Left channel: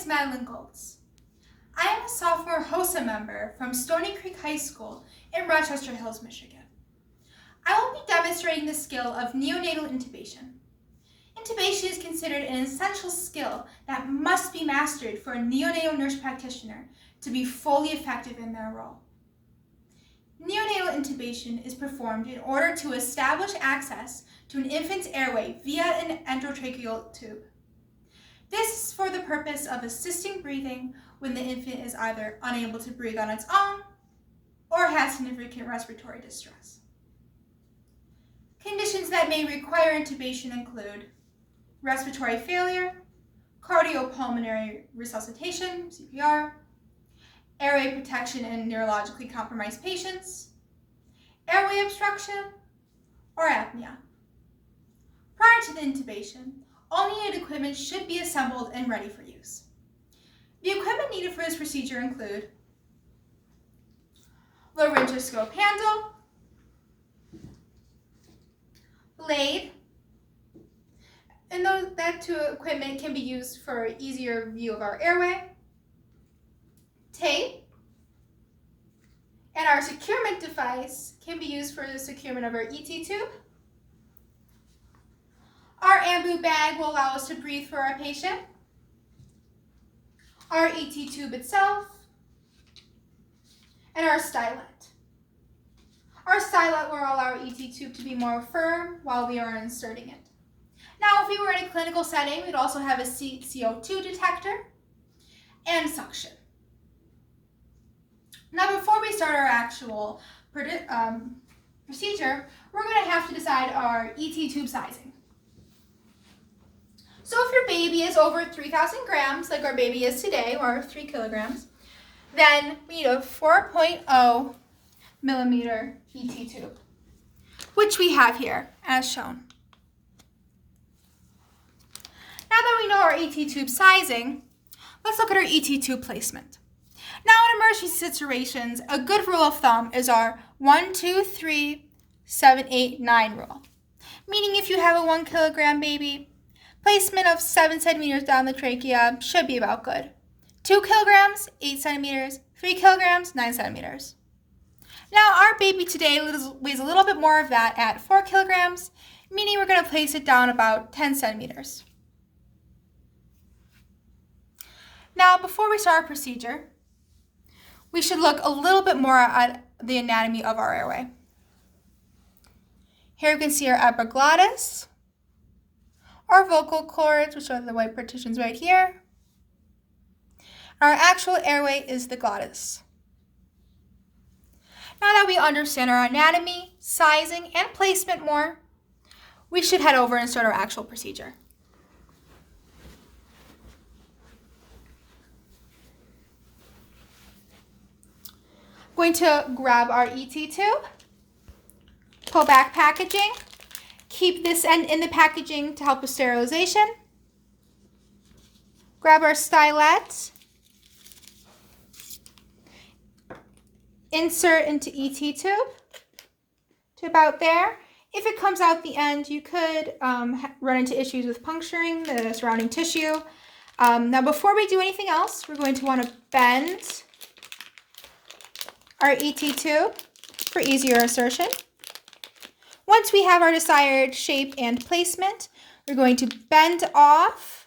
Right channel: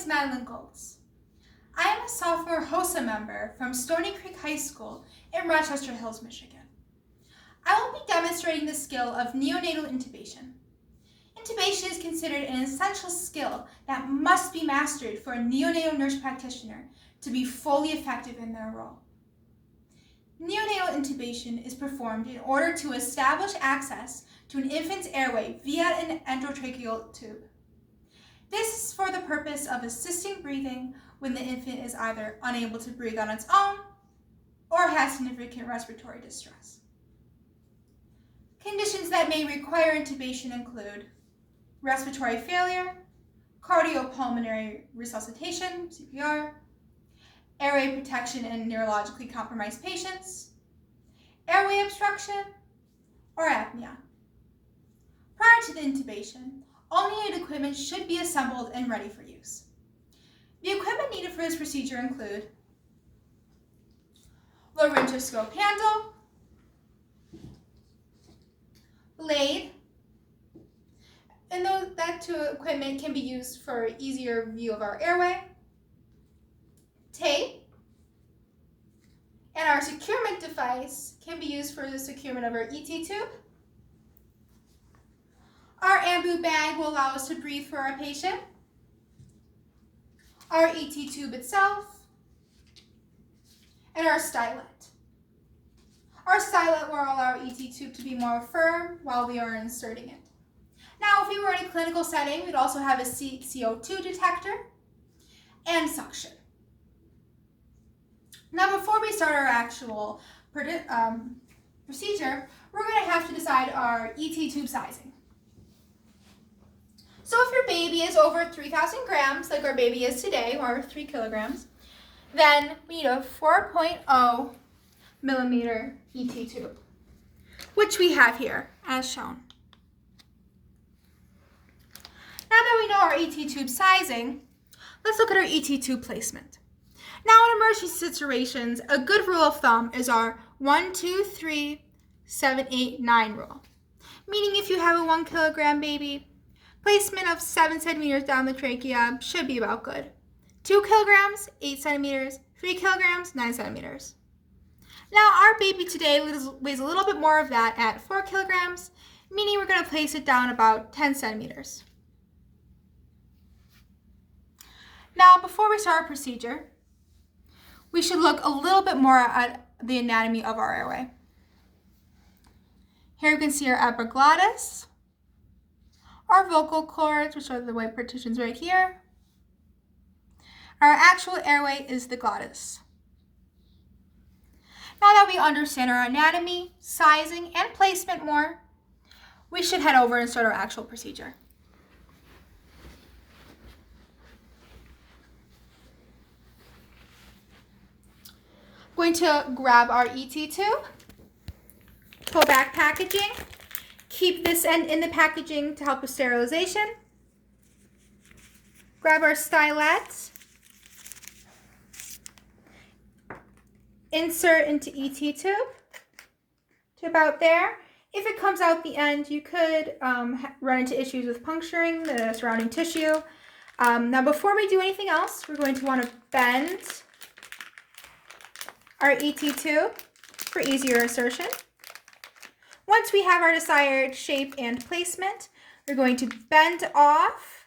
is Madeline Goltz. I am a sophomore HOSA member from Stony Creek High School in Rochester Hills, Michigan. I will be demonstrating the skill of neonatal intubation. Intubation is considered an essential skill that must be mastered for a neonatal nurse practitioner to be fully effective in their role. Neonatal intubation is performed in order to establish access to an infant's airway via an endotracheal tube. This is for the purpose of assisting breathing when the infant is either unable to breathe on its own or has significant respiratory distress. Conditions that may require intubation include respiratory failure, cardiopulmonary resuscitation, CPR, airway protection in neurologically compromised patients, airway obstruction, or apnea. Prior to the intubation, all needed equipment should be assembled and ready for use. The equipment needed for this procedure include laryngoscope handle, blade, and that equipment can be used for easier view of our airway, tape, and our securement device can be used for the securement of our ET tube. Our ambu bag will allow us to breathe for our patient, our ET tube itself, and our stylet. Our stylet will allow our ET tube to be more firm while we are inserting it. Now, if we were in a clinical setting, we'd also have a CO2 detector and suction. Now, before we start our actual procedure, we're going to have to decide our ET tube sizing. So if your baby is over 3,000 grams, like our baby is today, or 3 kilograms, then we need a 4.0 millimeter ET tube, which we have here as shown. Now that we know our ET tube sizing, let's look at our ET tube placement. Now in emergency situations, a good rule of thumb is our 1, 2, 3, 7, 8, 9 rule. Meaning if you have a 1 kilogram baby, placement of 7 centimeters down the trachea should be about good. 2 kilograms, 8 centimeters, 3 kilograms, 9 centimeters. Now our baby today weighs a little bit more of that at 4 kilograms, meaning we're going to place it down about 10 centimeters. Now before we start our procedure, we should look a little bit more at the anatomy of our airway. Here you can see our epiglottis, our vocal cords, which are the white partitions right here. Our actual airway is the glottis. Now that we understand our anatomy, sizing, and placement more, we should head over and start our actual procedure. Going to grab our ET tube, pull back packaging, keep this end in the packaging to help with sterilization. Grab our stylet, insert into ET tube to about there. If it comes out the end, you could run into issues with puncturing the surrounding tissue. Now before we do anything else, we're going to want to bend our ET tube for easier insertion. Once we have our desired shape and placement, we're going to bend off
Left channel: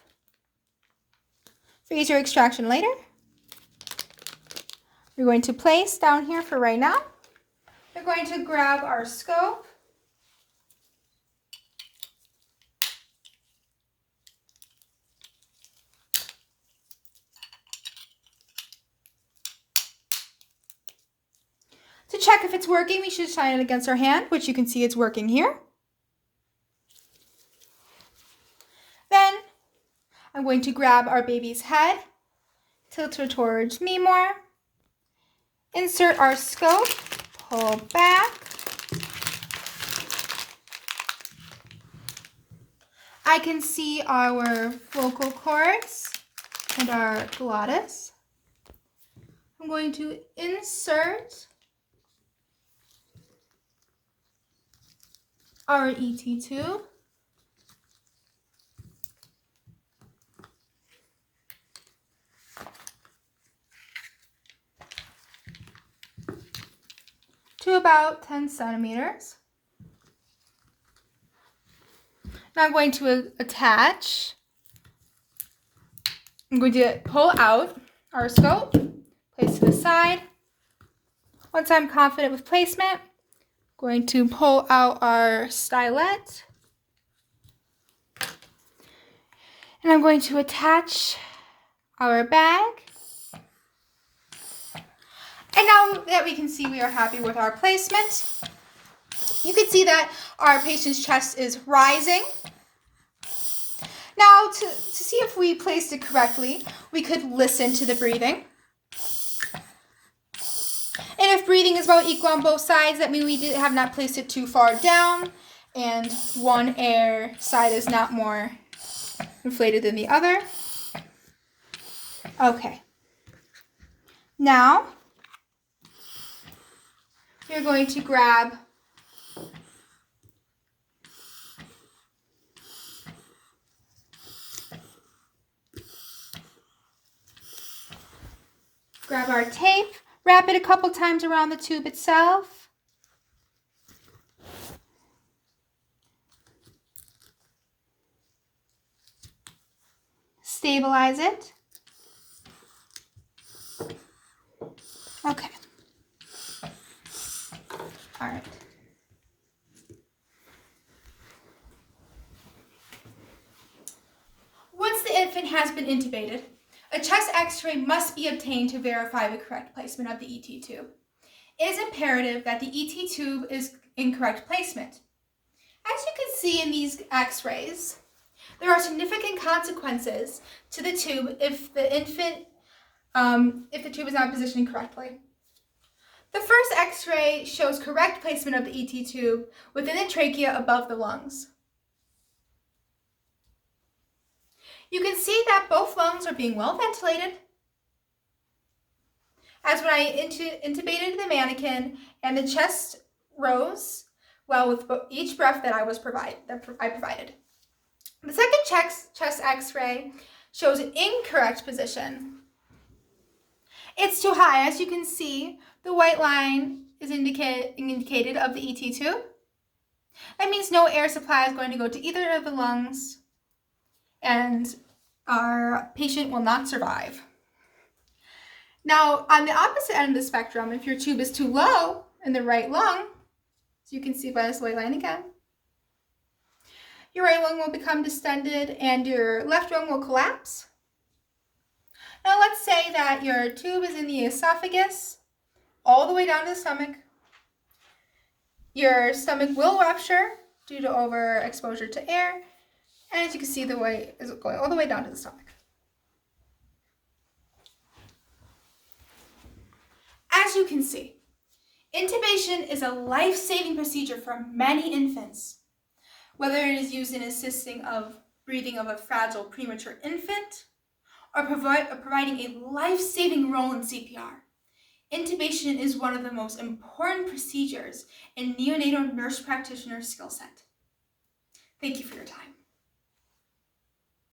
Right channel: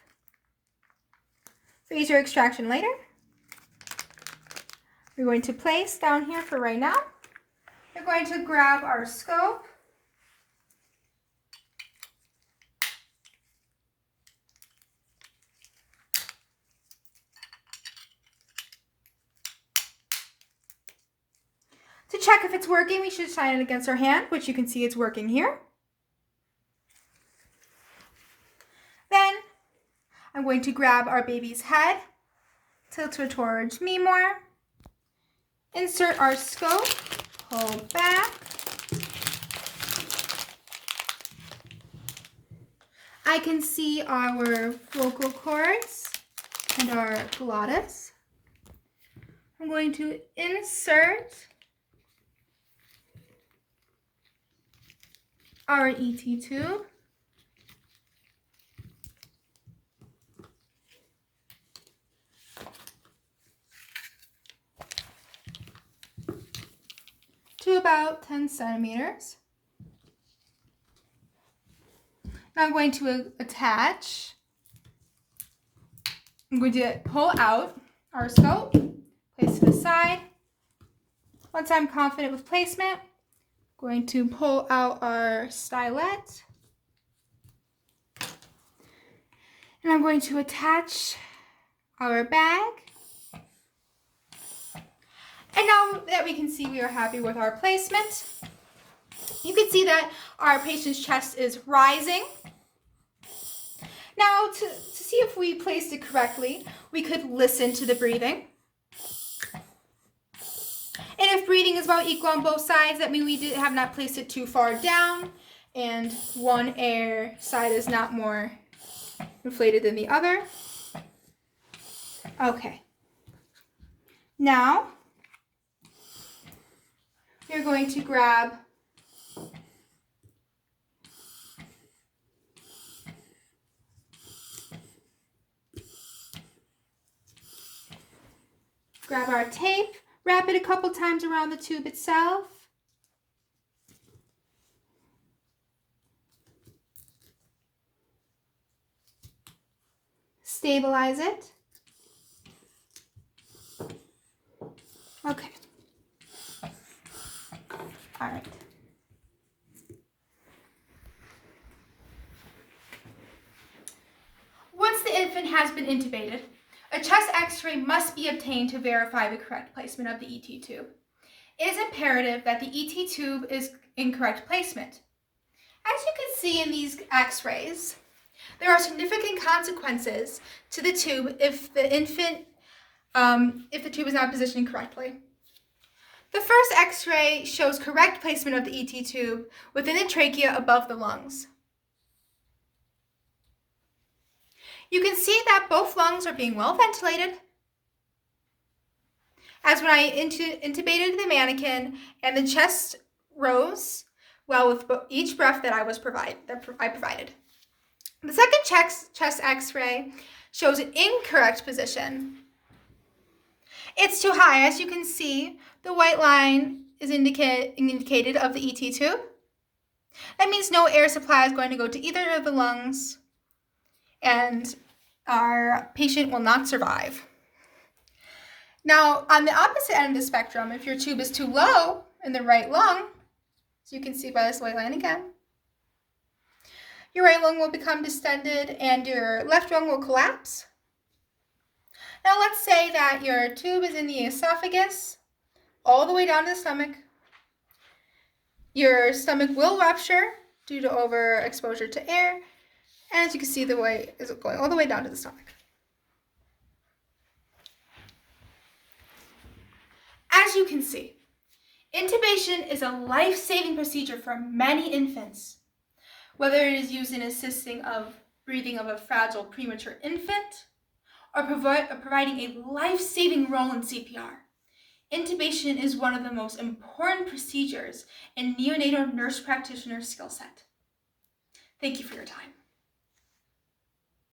for easier extraction later. We're going to place down here for right now. We're going to grab our scope. To check if it's working, we should shine it against our hand, which you can see it's working here. Then I'm going to grab our baby's head, tilt her towards me more, insert our scope, pull back. I can see our vocal cords and our glottis. I'm going to insert our ET tube. to about 10 centimeters. Now I'm going to attach. I'm going to pull out our scope, place to the side. Once I'm confident with placement, I'm going to pull out our stylet. And I'm going to attach our bag. And now that we can see we are happy with our placement, you can see that our patient's chest is rising. Now, to see if we placed it correctly, we could listen to the breathing. And if breathing is about equal on both sides, that means we have not placed it too far down, and one air side is not more inflated than the other. Okay. Now, you're going to grab our tape, wrap it a couple times around the tube itself. Stabilize it. Okay. All right. Once the infant has been intubated, a chest x-ray must be obtained to verify the correct placement of the ET tube. It is imperative that the ET tube is in correct placement. As you can see in these x-rays, there are significant consequences to the tube if the tube is not positioned correctly. The first x-ray shows correct placement of the ET tube within the trachea above the lungs. You can see that both lungs are being well ventilated, as when I intubated the mannequin and the chest rose well with each breath that I provided. The second chest x-ray shows an incorrect position. It's too high. As you can see, the white line is indicated of the ET tube. That means no air supply is going to go to either of the lungs, and our patient will not survive. Now, on the opposite end of the spectrum, if your tube is too low in the right lung, as you can see by this white line again, your right lung will become distended and your left lung will collapse. Now let's say that your tube is in the esophagus all the way down to the stomach. Your stomach will rupture due to overexposure to air, and as you can see, the way is going all the way down to the stomach. As you can see, intubation is a life-saving procedure for many infants, whether it is used in assisting of breathing of a fragile premature infant or providing a life-saving role in CPR. Intubation is one of the most important procedures in neonatal nurse practitioner skill set. Thank you for your time.